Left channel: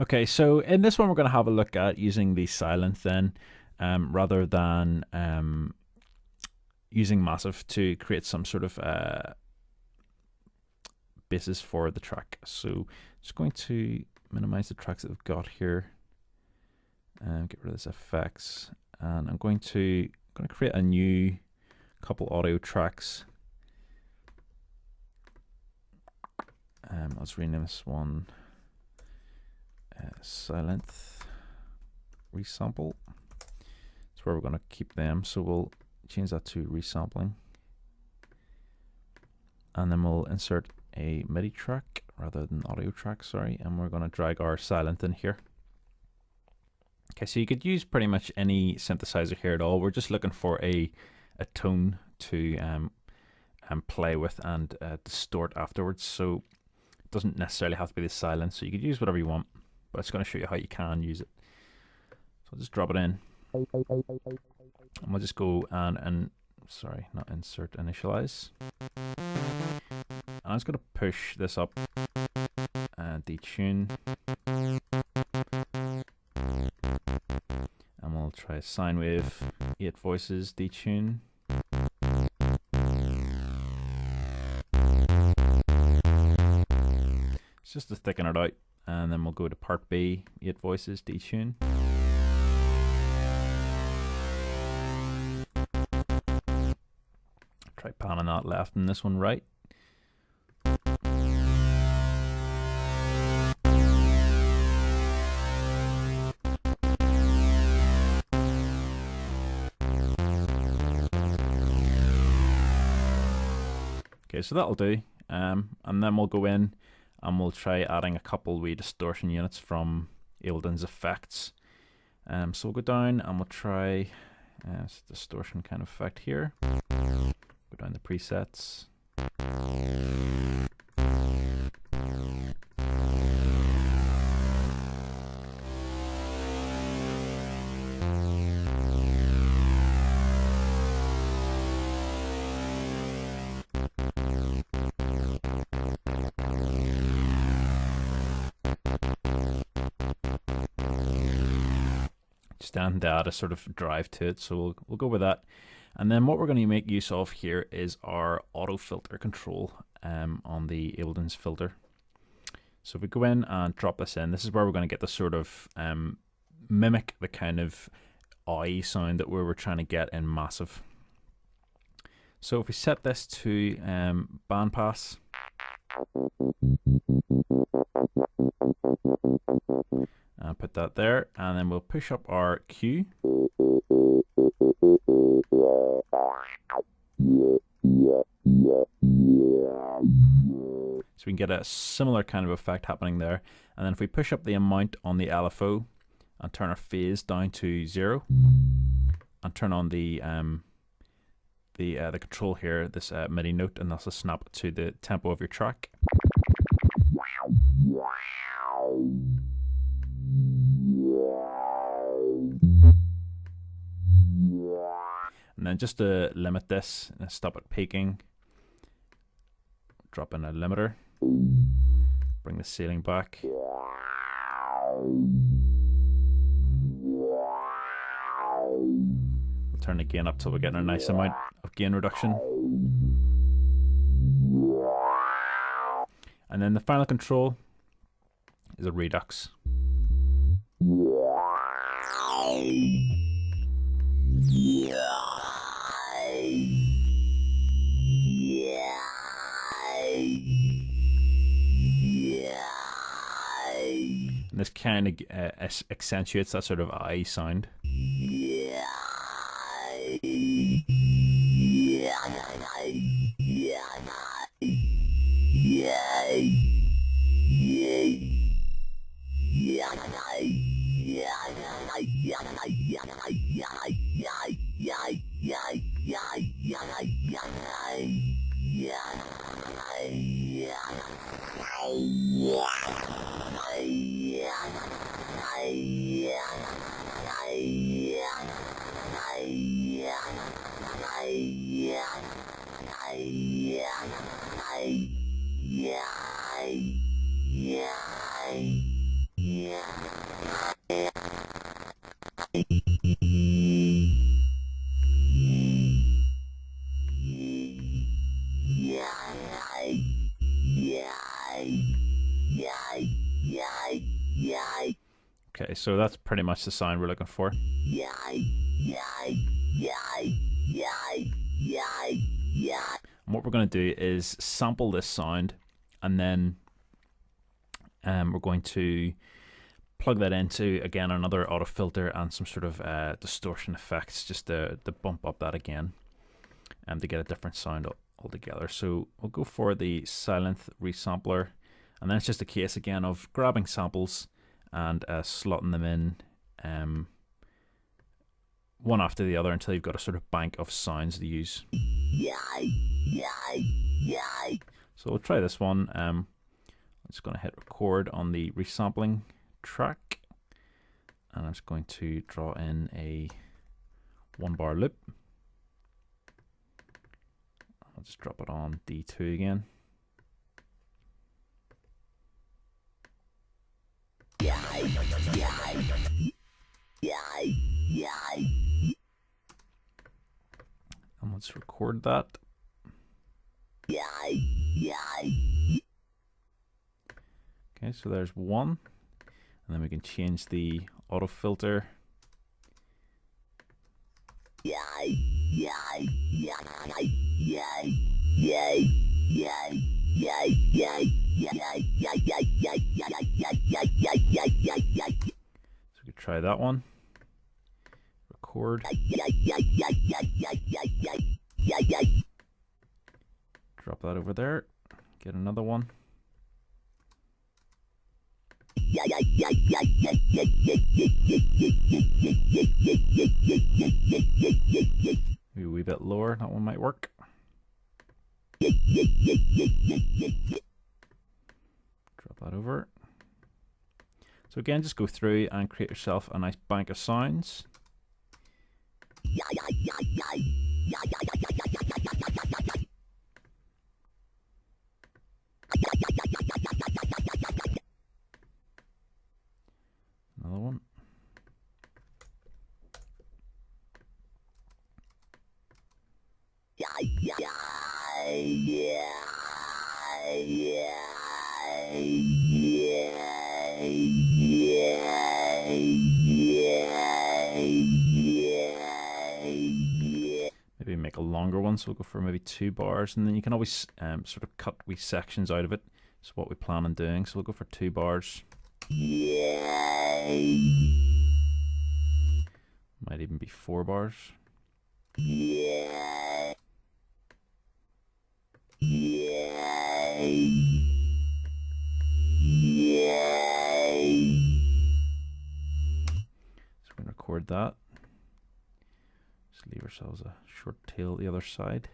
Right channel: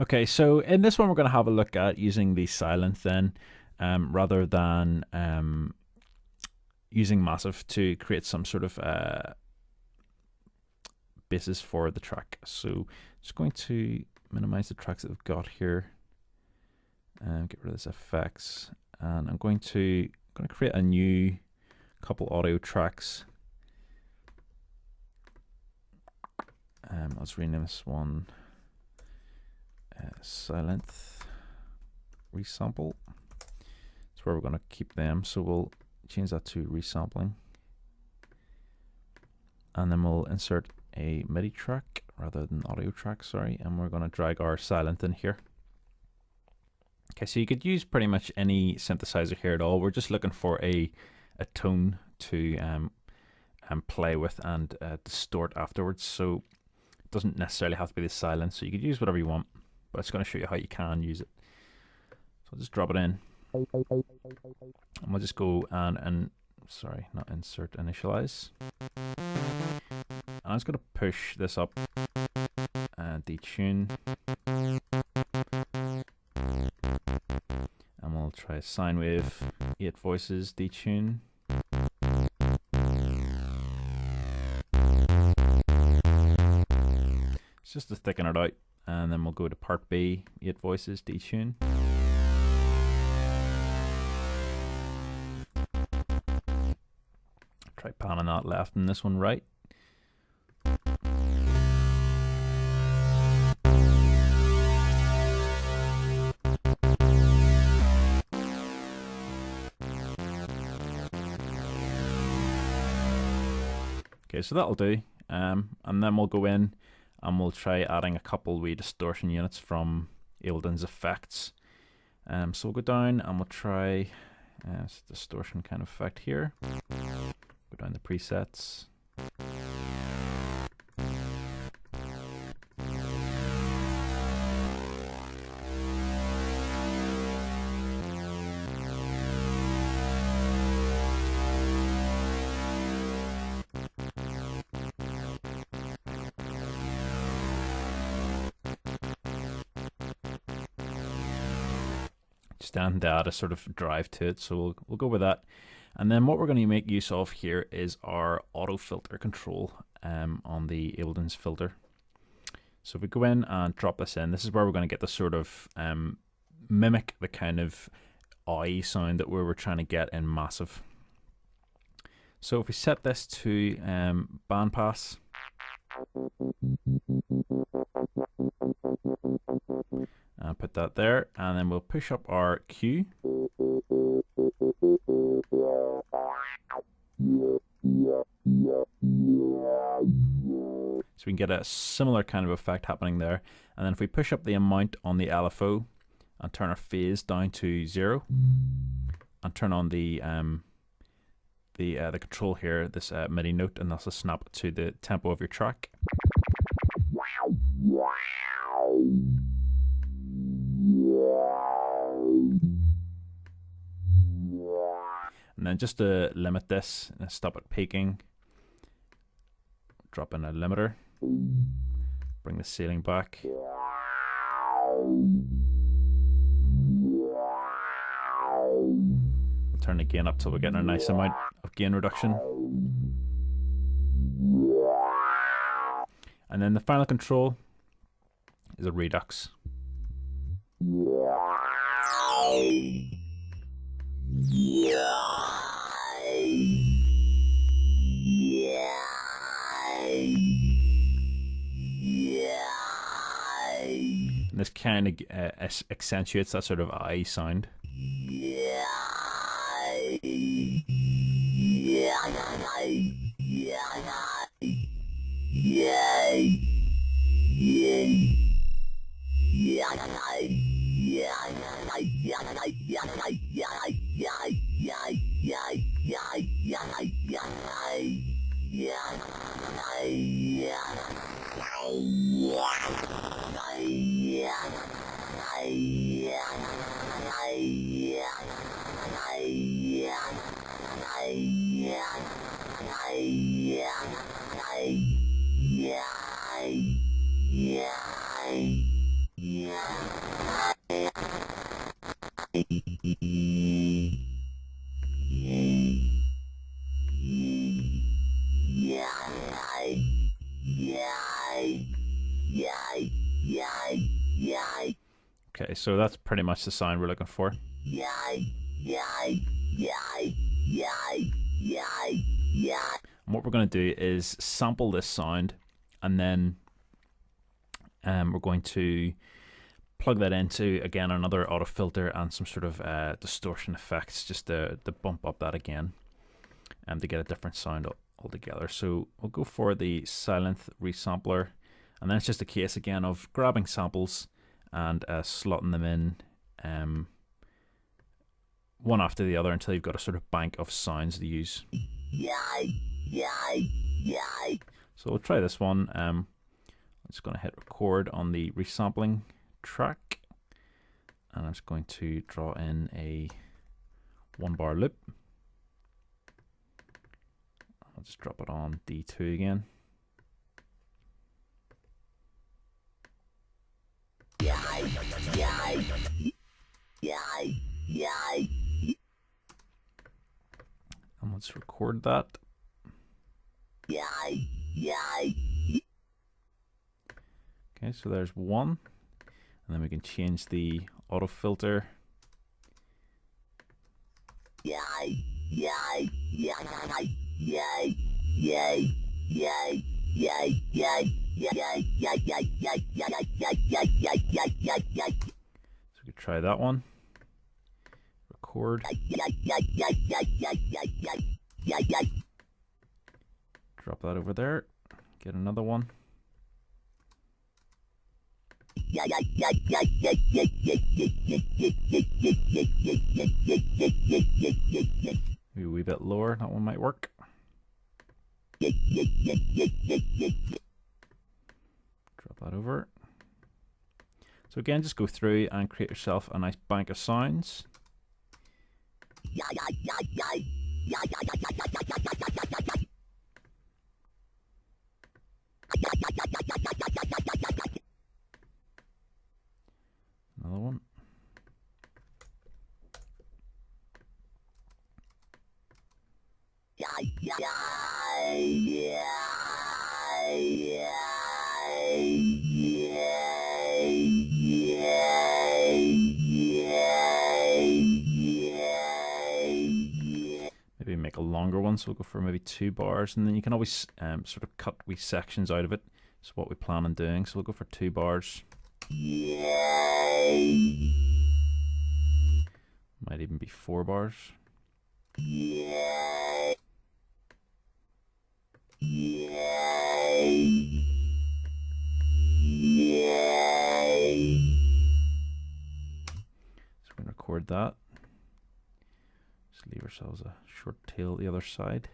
Okay, so in this one we're going to have a look at using the Sylenth then, rather than using Massive to create some sort of basis for the track. So just going to minimize the tracks that we've got here and get rid of this effects, and I'm going to create a new couple audio tracks. Let's rename this one Sylenth Resample. That's where we're going to keep them, so we'll change that to resampling, and then we'll insert a MIDI track rather than audio track, sorry, and we're going to drag our Sylenth in here. Okay, so you could use pretty much any synthesizer here at all. We're just looking for a tone to play with and distort afterwards, so it doesn't necessarily have to be the Sylenth, so you could use whatever you want, but it's going to show you how you can use it. So I'll just drop it in, and we'll just go and sorry, not insert, initialize. And I'm just going to push this up and detune, and we'll try sine wave, 8 voices, detune. It's just to thicken it out, and then we'll go to part B, 8 voices, detune. Try panning that left and this one right. Okay, so that'll do, and then we'll go in and we'll try adding a couple wee distortion units from Ableton's effects. So we'll go down and we'll try distortion kind of effect here. Go down to presets. Stand data sort of drive to it, so we'll go with that. And then what we're going to make use of here is our auto filter control on the Ableton's filter. So if we go in and drop this in, this is where we're going to get the sort of mimic the kind of eye sound that we were trying to get in Massive. So if we set this to bandpass, and put that there, and then we'll push up our Q. So we can get a similar kind of effect happening there. And then if we push up the amount on the LFO and turn our phase down to 0, and turn on the control here, this MIDI note, and that's a snap to the tempo of your track. And then just to limit this, stop it peaking, drop in a limiter, bring the ceiling back. We'll turn the gain up till we're getting a nice amount of gain reduction. And then the final control is a redux. And this kind of accentuates that sort of eye sound. Okay, so that's pretty much the sound we're looking for. And what we're going to do is sample this sound, and then we're going to plug that into, again, another auto filter and some sort of distortion effects just to bump up that again to get a different sound altogether. So we'll go for the Sylenth resampler, and then it's just a case again of grabbing samples and slotting them in one after the other until you've got a sort of bank of sounds to use. So we'll try this one. I'm just going to hit record on the resampling track, and I'm just going to draw in a 1-bar loop. I'll just drop it on D2 again. And let's record that. Okay, so there's one, and then we can change the auto filter. So we could try that one. Record. Drop that over there. Get another one. Maybe a wee bit lower, that one might work. Drop that over. So again, just go through and create yourself a nice bank of sounds. Another one. Maybe make a longer one, so we'll go for maybe 2 bars, and then you can always sort of cut wee sections out of it. That's what we plan on doing, so we'll go for 2 bars. Might even be 4 bars. So we're going to record that. Just leave ourselves a short tail the other side.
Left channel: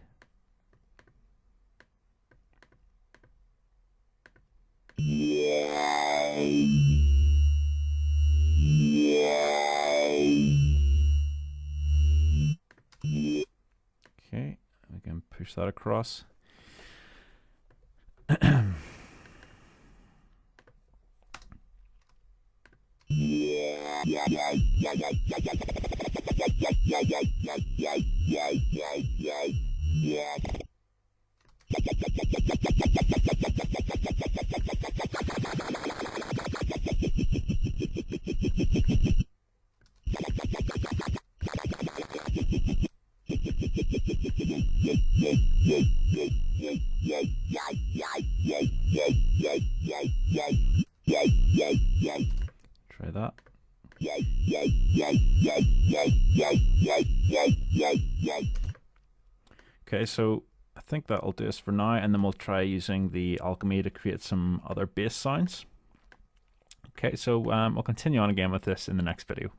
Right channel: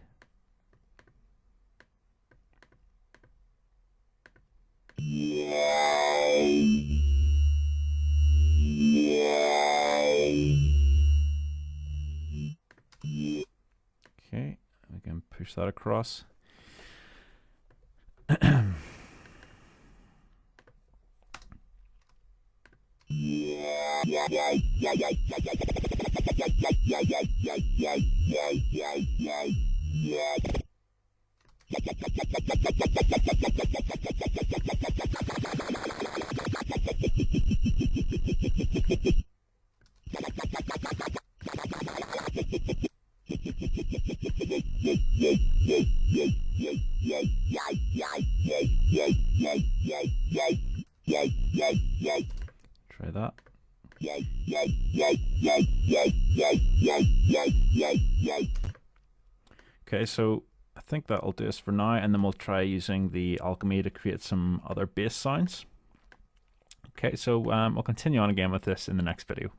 Okay, we can push that across. Try that. Okay, so I think that'll do us for now, and then we'll try using the alchemy to create some other bass sounds. Okay, so we'll continue on again with this in the next video.